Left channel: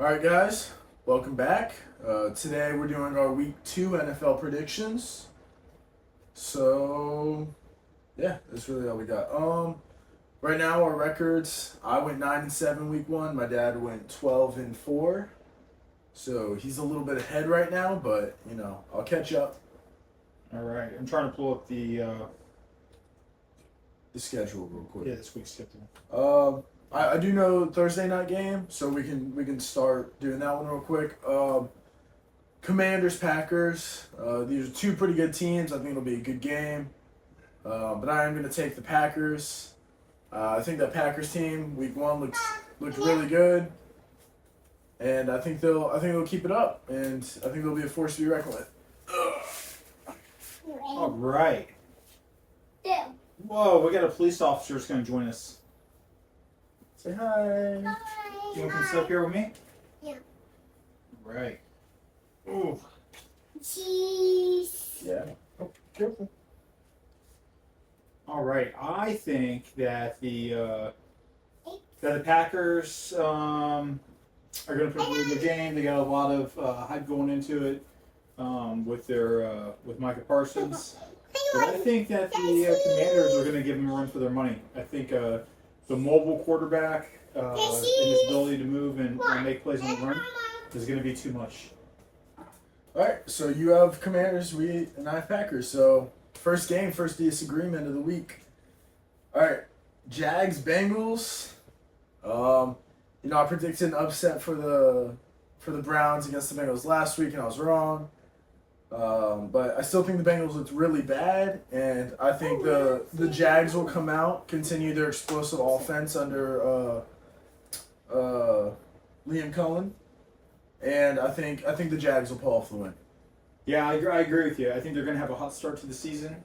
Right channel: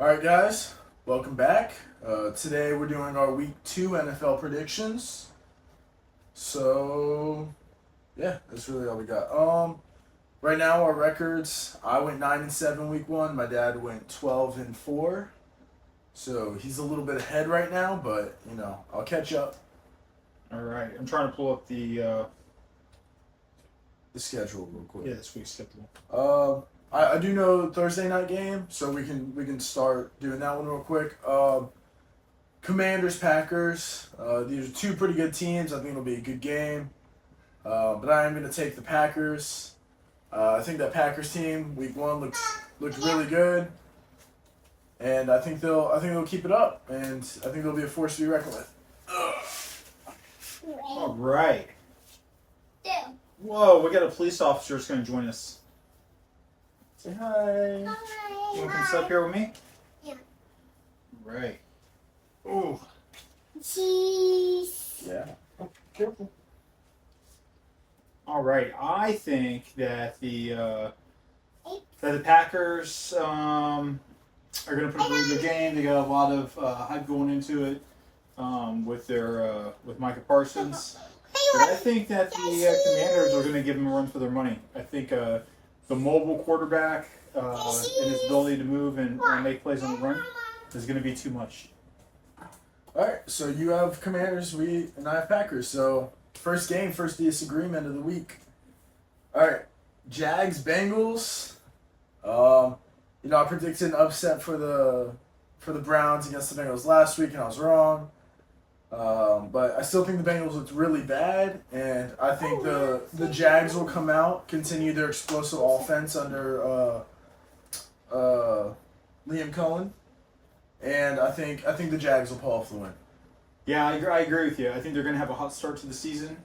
All right, guys, welcome back. Today we're doing our Week 2 NFL predictions. So, yeah, that's really all we got. Right now our records: I went 9-7 Week 1. My dad went 12-4. So he's a little bit ahead right now, but I'll catch up. All right, I'm trying to pull up the The schedule real quick. this week's schedule. I do know Thursday night game, so we can start doing that one real quick. Commanders Packers. These are two pretty good teams. I think it'll be a good game. But I am going to take the Packers. I think that Packers team Week 1 looks really good, and I think they'll keep it up, and I think they'll be a force to be reckoned with. All right. Whoa, we got a police officer who's going to join us. Say hi. You want to come sit up here with me? Yeah. Right. Ooh. Cheese. Yeah. Oh, careful. All right. I think that the Packers are going to put a really good game. They got a lot of hype going into it with Micah Parsons. But I think that the Commanders are going to give them a run for their money. I think the mobile quarterback and his ability to move and make plays on the run is going to be too much. All right, so you have Commanders, and I have Packers. So first game, first disagreement of the week. All right, Jags Bengals. I predicted an upset for the Browns against the Bengals last week, and I was wrong. But I still think the Bengals looked really bad, and I think the Jags will come out, continue their explosive offense under Liam Cohen, and I think the Jags will pull off the win. Yeah, I agree with you. I think they're going to have a hot start to the season.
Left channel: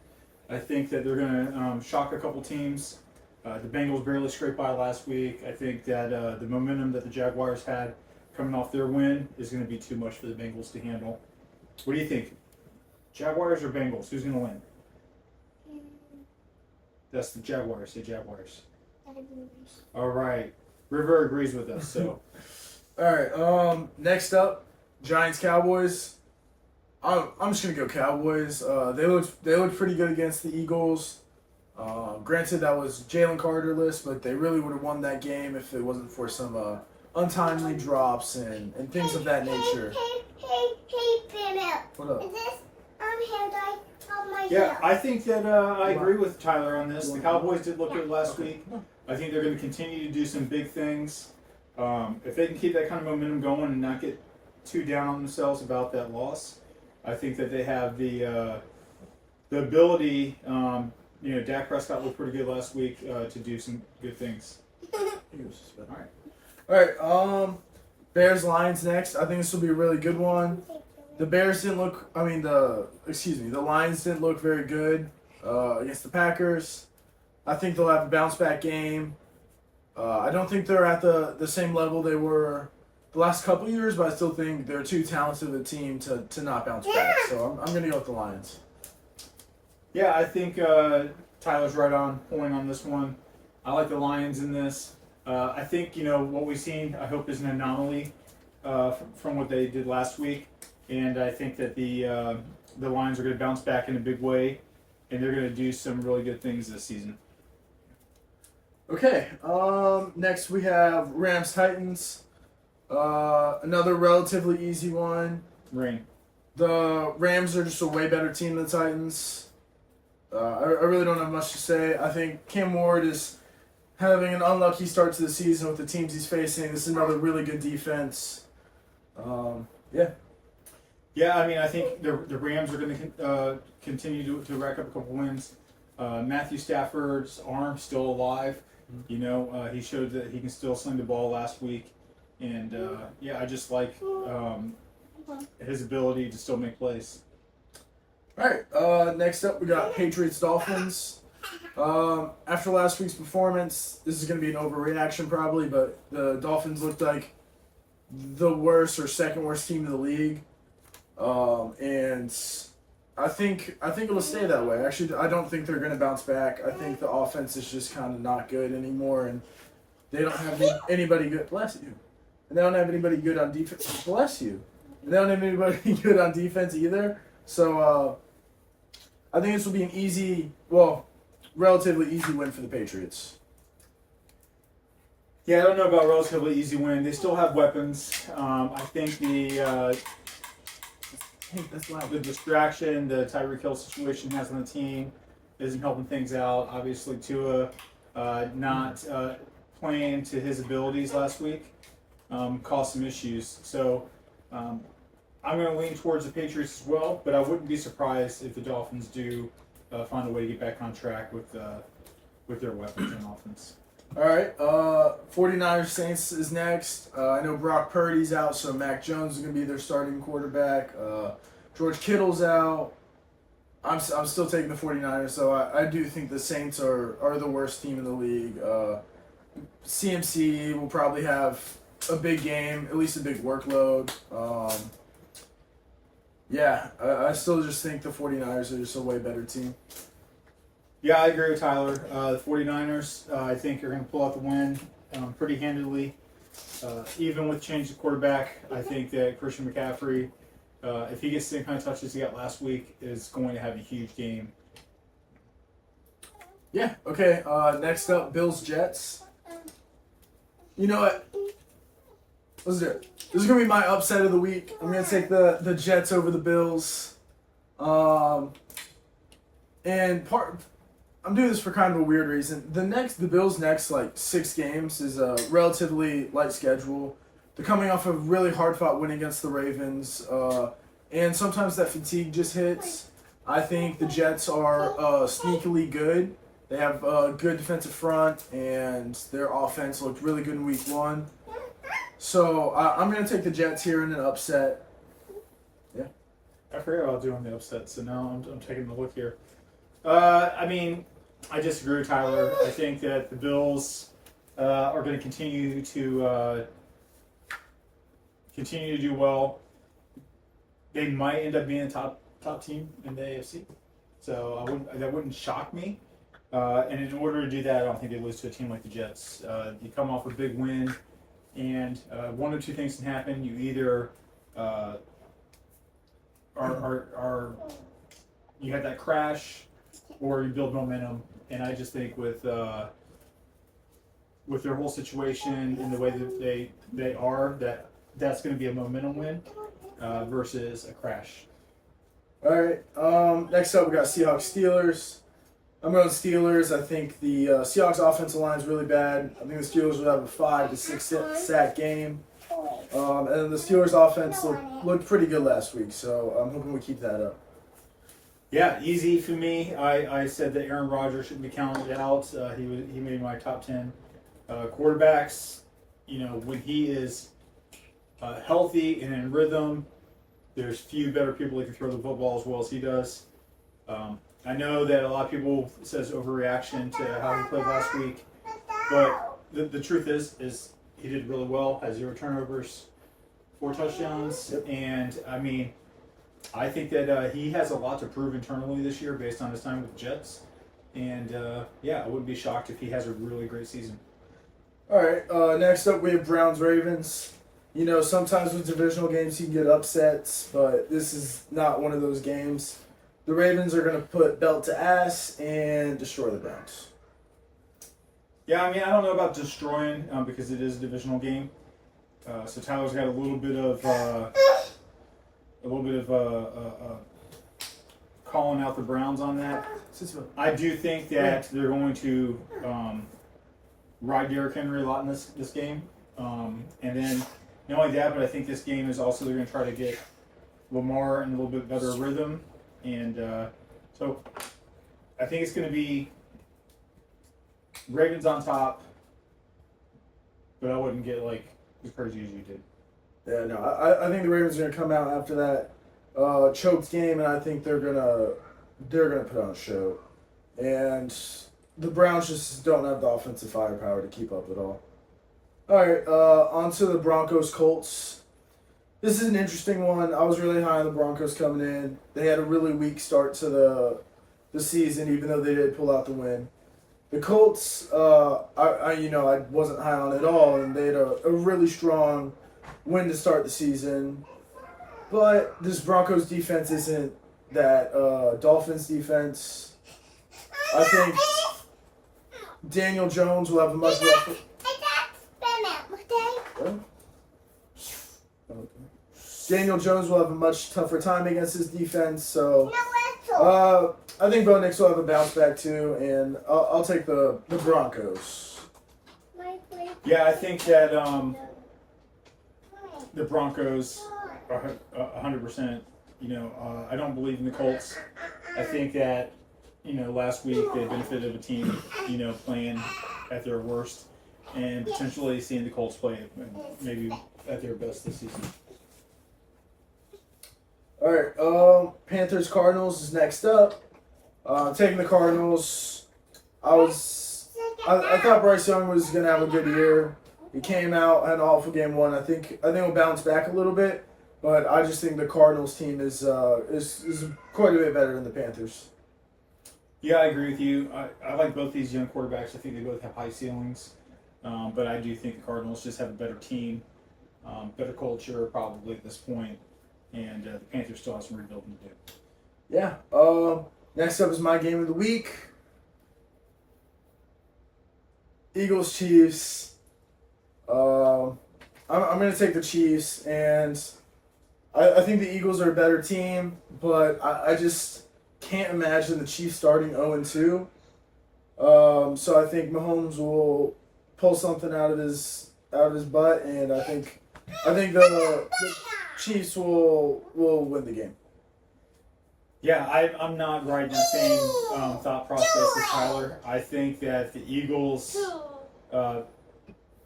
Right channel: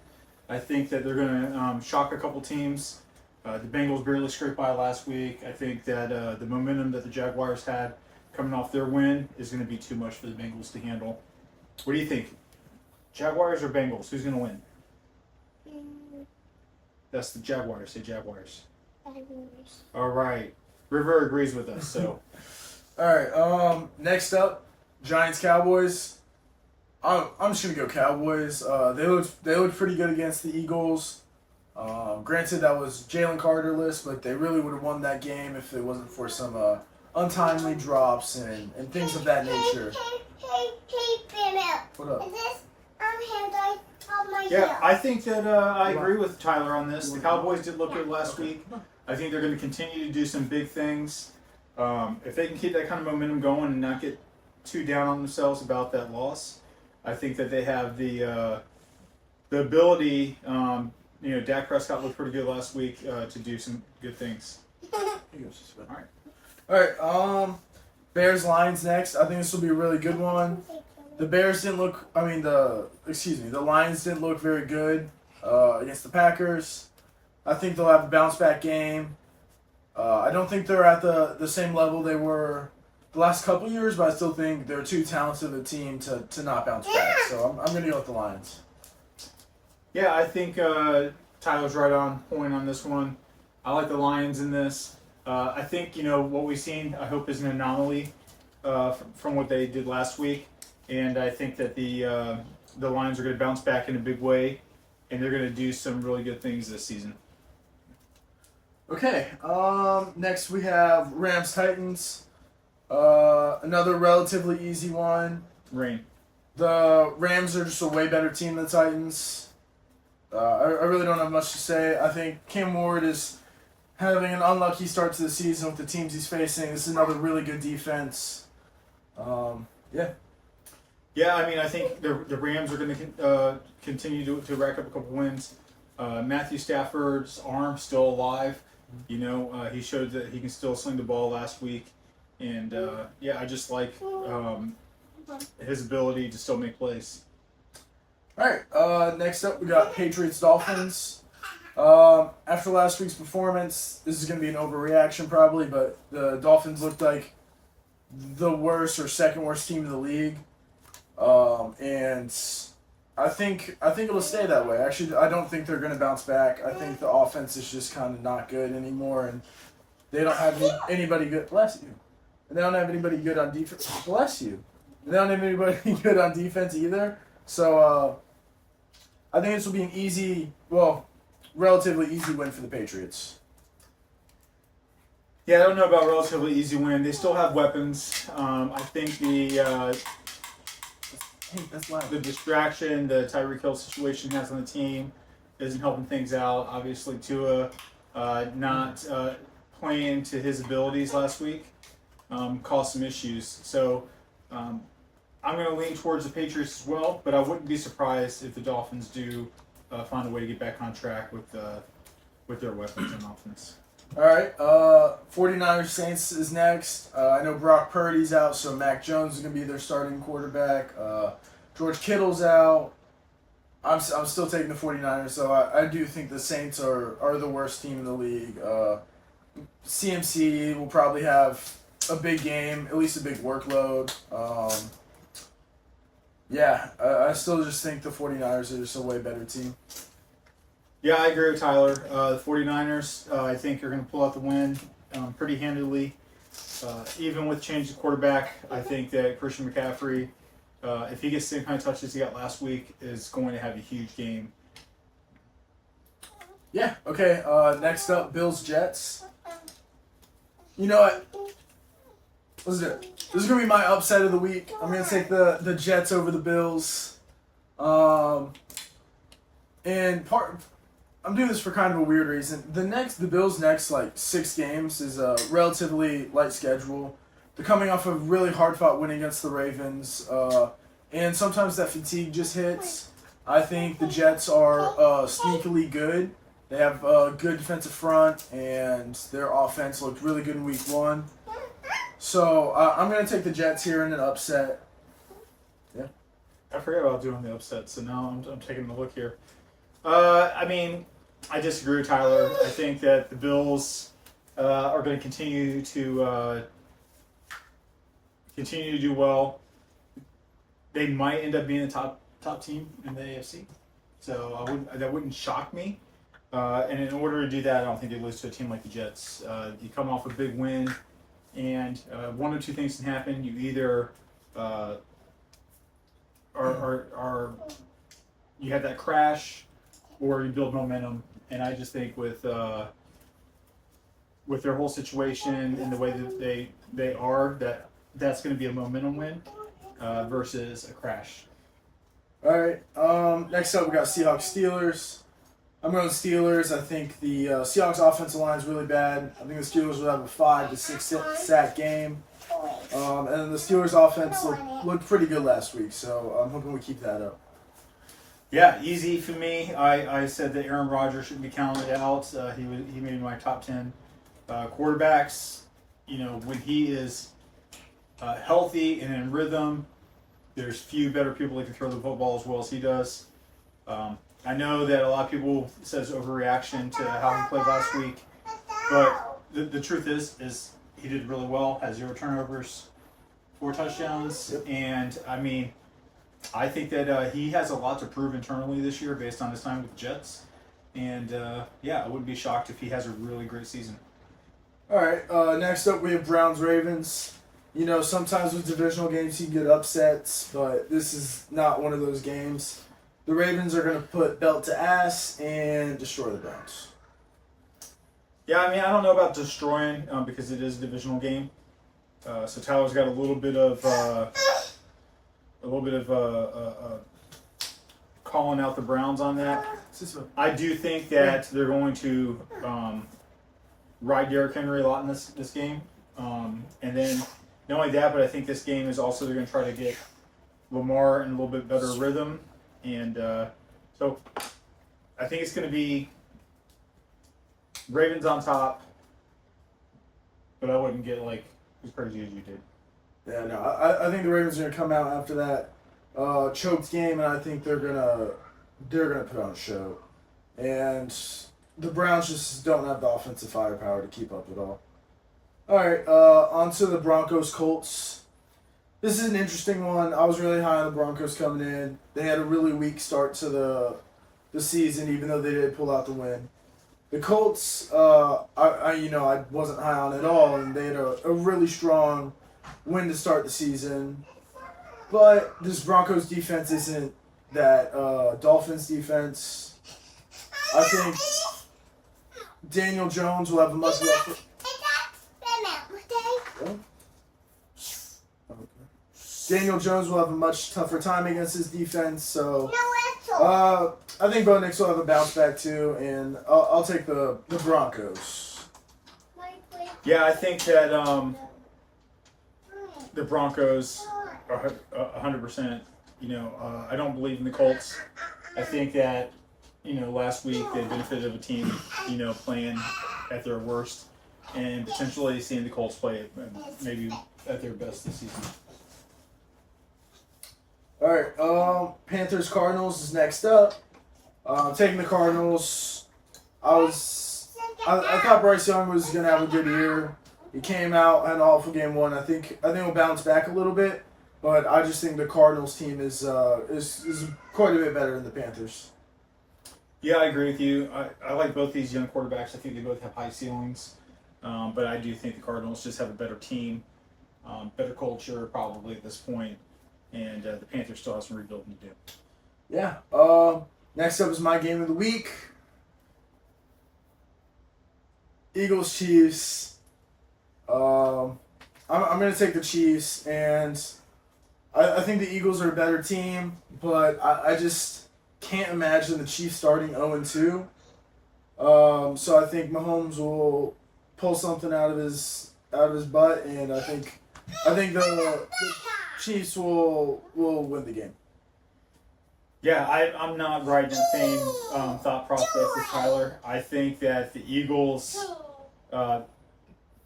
I think that they're going to shock a couple teams. The Bengals barely scraped by last week. I think that the momentum that the Jaguars had coming off their win is going to be too much for the Bengals to handle. What do you think? Jaguars or Bengals? Who's going to win? That's the Jaguars. Say Jaguars. All right. River agrees with us. So, All right. Next up, Giants Cowboys. I'm just gonna go Cowboys. They looked pretty good against the Eagles. Granted, that was Jalen Carterless, but they really would have won that game if it wasn't for some untimely drops and things of that nature. What up? Is this hand on my yeah, heel? I think that I agree with Tyler on this. The Cowboys did look good last week. I think they're going to continue to do some big things. If they can keep that kind of momentum going and not get too down on themselves about that loss, I think that they have the ability. Dak Prescott looked pretty good last week to do some good things. All right. Bears Lions next. I think this will be a really good one. The Bears didn't look. The Lions didn't look very good against the Packers. I think they'll have a bounce back game. I don't think they're at the same level they were the last couple years, but I still think they're too talented of a team to not bounce back. So I'm going to go with the Lions. Yeah, I think Tyler's right on point on this one. I like the Lions in this. I think what we've seen, I hope, is an anomaly from what they did last week, and I think that the Lions are going to bounce back in a big way, and they're going to do some really good things this season. Okay. Next we have Rams Titans. Another relatively easy one. Rain. The Rams are just a way better team than the Titans. I really don't have much to say. I think Cam Ward is having an unlucky start to the season with the teams he's facing. This is another really good defense. Yeah. Yeah, I mean, I think the Rams are going to continue to rack up a couple wins. Matthew Stafford's arm's still alive. He showed that he can still sling the ball last week. And, I just like his ability to still make plays. All right. Next up, we got Patriots Dolphins. After last week's performance, this is going to be an overreaction probably, but the Dolphins looked like the worst or second worst team in the league. And I think it'll stay that way. Actually, I don't think they're going to bounce back. I think the offense is just kind of not good anymore, and they don't have anybody good. Bless you. and they don't have anybody good on defense. Bless you. And they don't have anybody good on defense either. So I think this will be an easy, relatively easy win for the Patriots. Yeah, I don't know about relatively easy win. They still have weapons. I think That's loud. the distraction the Tyreek Hill situation has on the team isn't helping things out. Obviously, Tua not playing to his abilities last week caused some issues. So I'm going to lean towards the Patriots as well, but I wouldn't be surprised if the Dolphins do find a way to get back on track with their weapons on offense. All right, 49ers Saints is next. I know Brock Purdy's out, so Mac Jones is going to be their starting quarterback. George Kittle's out. I'm still taking the 49ers, so I do think the Saints are the worst team in the league. CMC will probably have a big game, at least a big workload. I still just think the 49ers are just a way better team. Yeah, I agree with Tyler. The 49ers, I think, are going to pull out the win pretty handily. Even with change of quarterback, I think that Christian McCaffrey, if he gets the same kind of touches he got last week, is going to have a huge game. Yeah, okay. Next up, Bills-Jets. You know what? Let's do it. This is going to be my upset of the week. I'm going to take the Jets over the Bills. I'm doing this for kind of a weird reason. The Bills' next 6 games is a relatively light schedule. They're coming off a really hard-fought win against the Ravens, and sometimes that fatigue just hits. I think the Jets are sneakily good. They have a good defensive front, and their offense looked really good in Week 1. So I'm going to take the Jets here in an upset. Yeah. I forgot about doing the upset, so now I'm taking a look here. I disagree with Tyler. I think that the Bills are going to continue to do well. They might end up being a top team in the AFC, so that wouldn't shock me. And in order to do that, I don't think they lose to a team like the Jets. You come off a big win, and one of two things can happen. You either you have that crash, or you build momentum. And I just think with their whole situation and the way that they are, that's going to be a momentum win versus a crash. All right. Next up, we got Seahawks-Steelers. I'm going Steelers. I think the Seahawks offensive line is really bad. I think the Steelers will have a 5 to 6 sack game. And then the Steelers offense looked pretty good last week, so I'm hoping we keep that up. Yeah, easy for me. I said that Aaron Rodgers shouldn't be counted out. He made my top 10 quarterbacks. When he is healthy and in rhythm, there's few better people that can throw the football as well as he does. I know that a lot of people says overreaction to how he played last week, but the truth is he did really well. Had 0 turnovers, 4 touchdowns, and I think that he has a lot to prove internally this year based on his time with the Jets. And, I wouldn't be shocked if he has a really great season. All right, next up we have Browns-Ravens. Sometimes with divisional games you can get upsets, but this is not one of those games. The Ravens are going to put belt to ass and destroy the Browns. Yeah, I don't know about destroying because it is a divisional game. So Tyler's got a little bit of calling out the Browns on that. I do think that they're going to ride Derrick Henry a lot in this game. And then not only that, but I think this game is also they're going to try to get Lamar in a little bit better rhythm. And so I think it's going to be Ravens on top, but I wouldn't get as crazy as you did. Yeah, no, I think the Ravens are going to come out after that choked game, and I think they're gonna put on a show. And the Browns just don't have the offensive firepower to keep up at all. All right, on to the Broncos-Colts. This is an interesting one. I was really high on the Broncos coming in. They had a really weak start to the season, even though they did pull out the win. The Colts, I wasn't high on at all, and they had a really strong win to start the season. But this Broncos defense isn't that Dolphins defense. I think Daniel Jones will have a much rougher. Daniel Jones will have a much tougher time against his defense, so I think Bo Nix will have a bounce back too, and I'll take the Broncos. Yeah, I think that the Broncos are 100%. I don't believe in the Colts. I think that last week they benefited of a team playing at their worst, and potentially seeing the Colts play maybe at their best this season. All right, Panthers Cardinals is next up. Taking the Cardinals. I thought Bryce Young was gonna have a good year. He came out, had an awful game one. I think he'll bounce back a little bit, but I just think the Cardinals team is quite a bit better than the Panthers. Yeah, I agree with you. I like both these young quarterbacks. I think they both have high ceilings, but I do think the Cardinals just have a better team, better culture probably at this point, and the Panthers still have some rebuilding to do. Yeah. Next up is my game of the week. Eagles Chiefs. I'm going to take the Chiefs, and I think the Eagles are a better team, but I just can't imagine the Chiefs starting 0-2. So I think Mahomes will pull something out of his butt, and I think the Chiefs will win the game. Yeah, I'm not right in the same thought process as Tyler. I think that the Eagles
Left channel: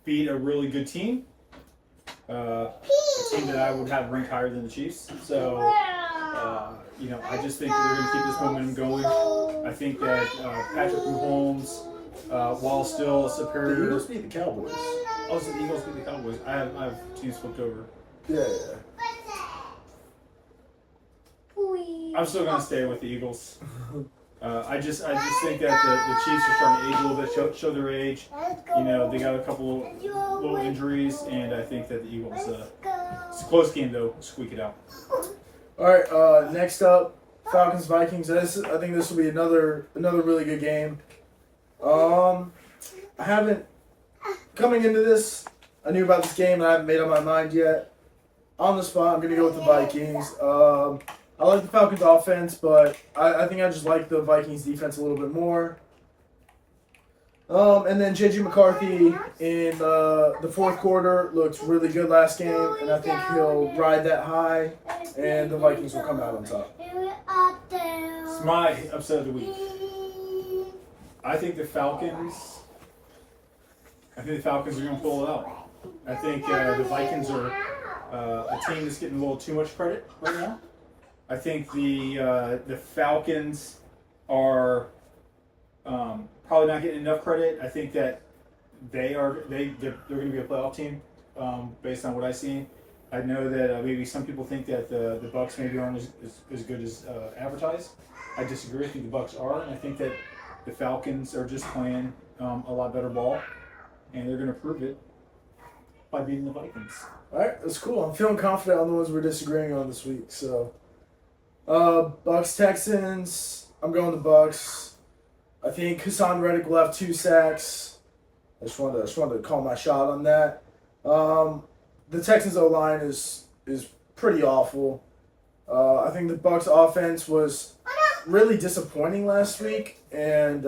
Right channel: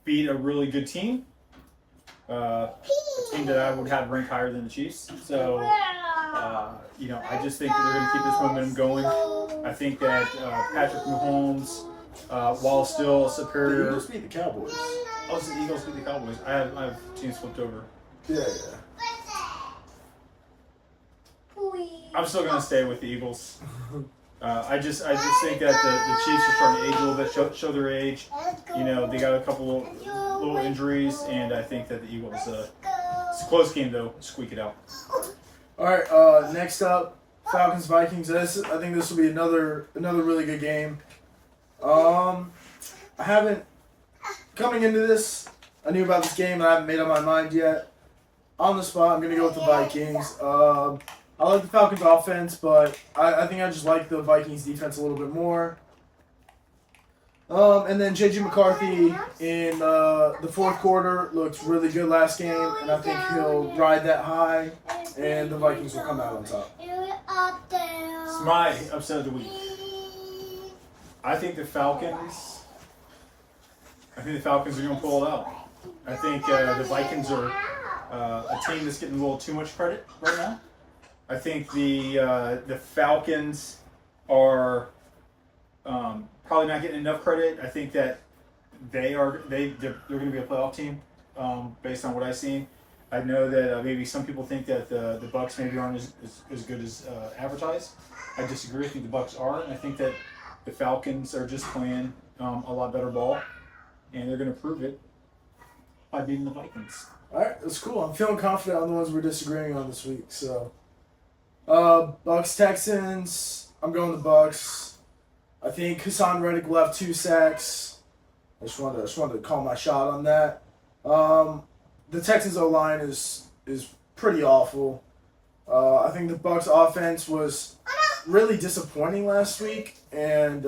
beat a really good team, a team that I would have ranked higher than the Chiefs. So, I just think that they're going to keep this momentum going. I think that Patrick Mahomes, while still superior... The Eagles beat the Cowboys. Oh, so the Eagles beat the Cowboys. I have teams flipped over. Yeah. I'm still going to stay with the Eagles. I just think that the Chiefs are starting to age a little bit, show their age. They got a couple little injuries, and I think that the Eagles, it's a close game though, squeak it out. All right, next up, Falcons Vikings. I think this will be another really good game. Coming into this, I knew about this game and I haven't made up my mind yet. On the spot, I'm gonna go with the Vikings. I like the Falcons offense, but I think I just like the Vikings defense a little bit more. And then J.J. McCarthy in the fourth quarter looked really good last game, and I think he'll ride that high, and the Vikings will come out on top. It's my upset of the week. I think the Falcons are going to pull it out. I think the Vikings are a team that's getting a little too much credit right now. I think the Falcons are probably not getting enough credit. I think that they're going to be a playoff team based on what I've seen. I know that maybe some people think that the Bucs maybe aren't as good as advertised. I disagree. I think the Bucs are, and I think that the Falcons are just playing a lot better ball, and they're going to prove it by beating the Vikings. All right, that's cool. I'm feeling confident on the ones we're disagreeing on this week. So, Bucs Texans. I'm going the Bucs. I think Hassan Reddick will have 2 sacks. I just wanted to call my shot on that. The Texans O-line is pretty awful. I think the Bucs offense was really disappointing last week, and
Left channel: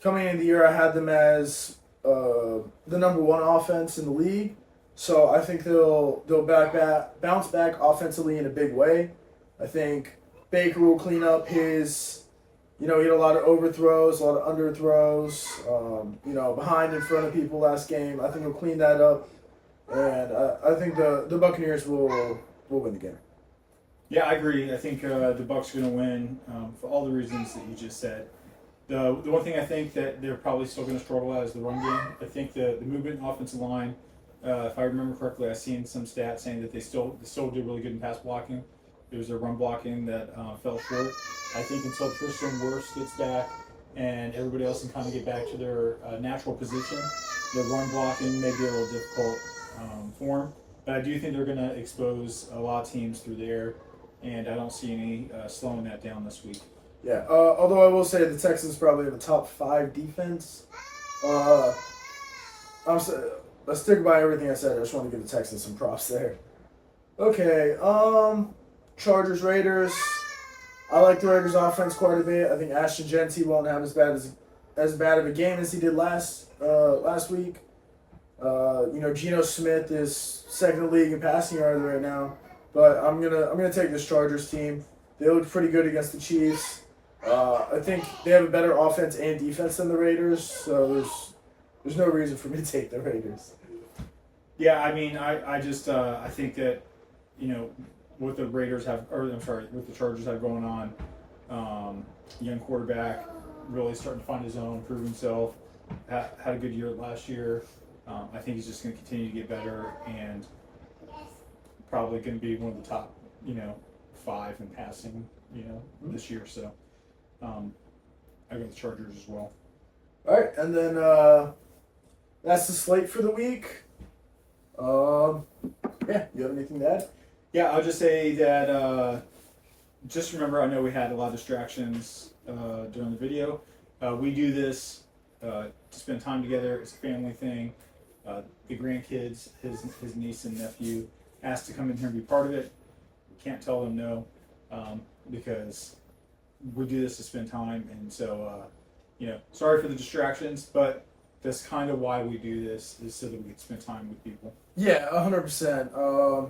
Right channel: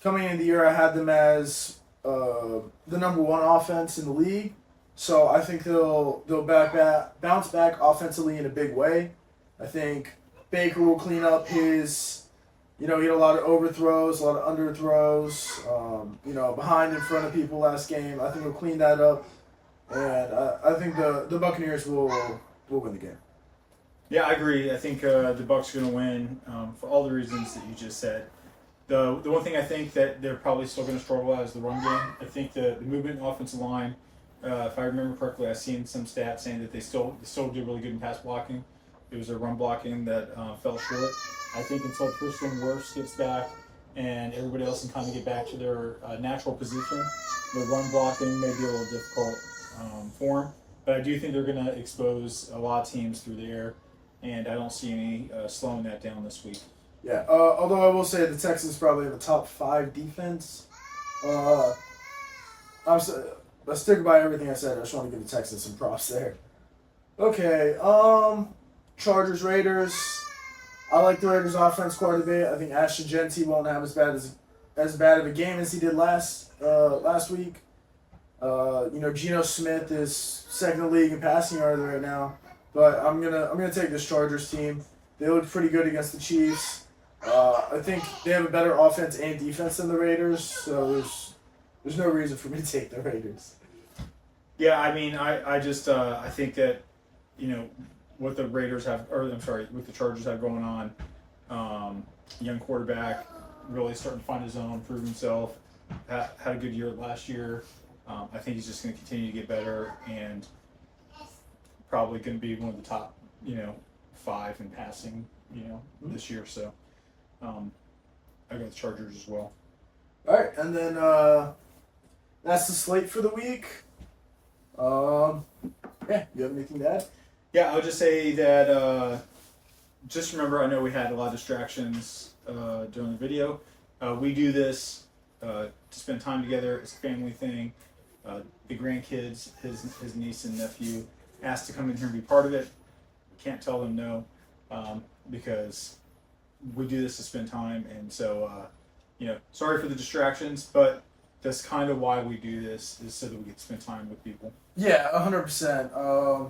coming into the year, I had them as the number 1 offense in the league. So I think they'll bounce back offensively in a big way. I think Baker will clean up his. He had a lot of overthrows, a lot of underthrows, behind in front of people last game. I think he'll clean that up, and I think the Buccaneers will win the game. Yeah, I agree. I think the Bucs are going to win for all the reasons that you just said. The one thing I think that they're probably still going to struggle at is the run game. I think the movement offensive line, if I remember correctly, I've seen some stats saying that they still did really good in pass blocking. It was their run blocking that fell short. I think until Tristan Wirfs gets back and everybody else can kind of get back to their natural position. Their run blocking may be a little difficult for them, but I do think they're going to expose a lot of teams through the air, and I don't see any slowing that down this week. Yeah, although I will say the Texans probably have a top 5 defense. Let's stick by everything I said. I just want to give the Texans some props there. Okay, Chargers, Raiders. I like the Raiders offense quite a bit. I think Ashton Genty won't have as bad of a game as he did last week. Geno Smith is second in the league in passing yards right now. But I'm gonna take this Chargers team. They looked pretty good against the Chiefs. I think they have a better offense and defense than the Raiders, so there's no reason for me to take the Raiders. Yeah, I mean, I think that, what the Raiders have, what the Chargers have going on, young quarterback, really starting to find his own, prove himself, had a good year last year. I think he's just going to continue to get better and probably going to be one of the top, 5 in passing, this year. So I go with the Chargers as well. All right, and then that's the slate for the week. You have anything to add? Yeah, I'll just say that just remember, I know we had a lot of distractions during the video. We do this to spend time together. It's a family thing. The grandkids, his niece and nephew, asked to come in here and be part of it. We can't tell them no because we do this to spend time. And so, sorry for the distractions, but that's kind of why we do this, is so that we can spend time with people. Yeah, 100%. I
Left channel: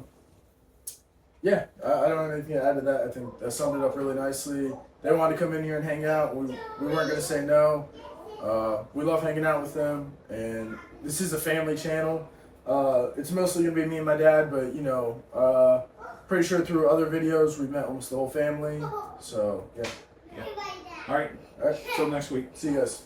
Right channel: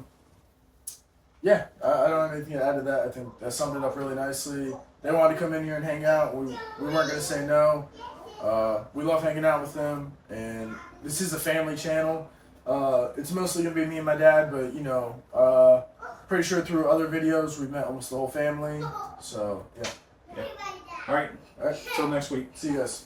don't have anything to add to that. I think that summed it up really nicely. They wanted to come in here and hang out. We weren't going to say no. We love hanging out with them, and this is a family channel. It's mostly going to be me and my dad, but, pretty sure through other videos we've met almost the whole family. So, yeah. All right. Till next week. See you guys.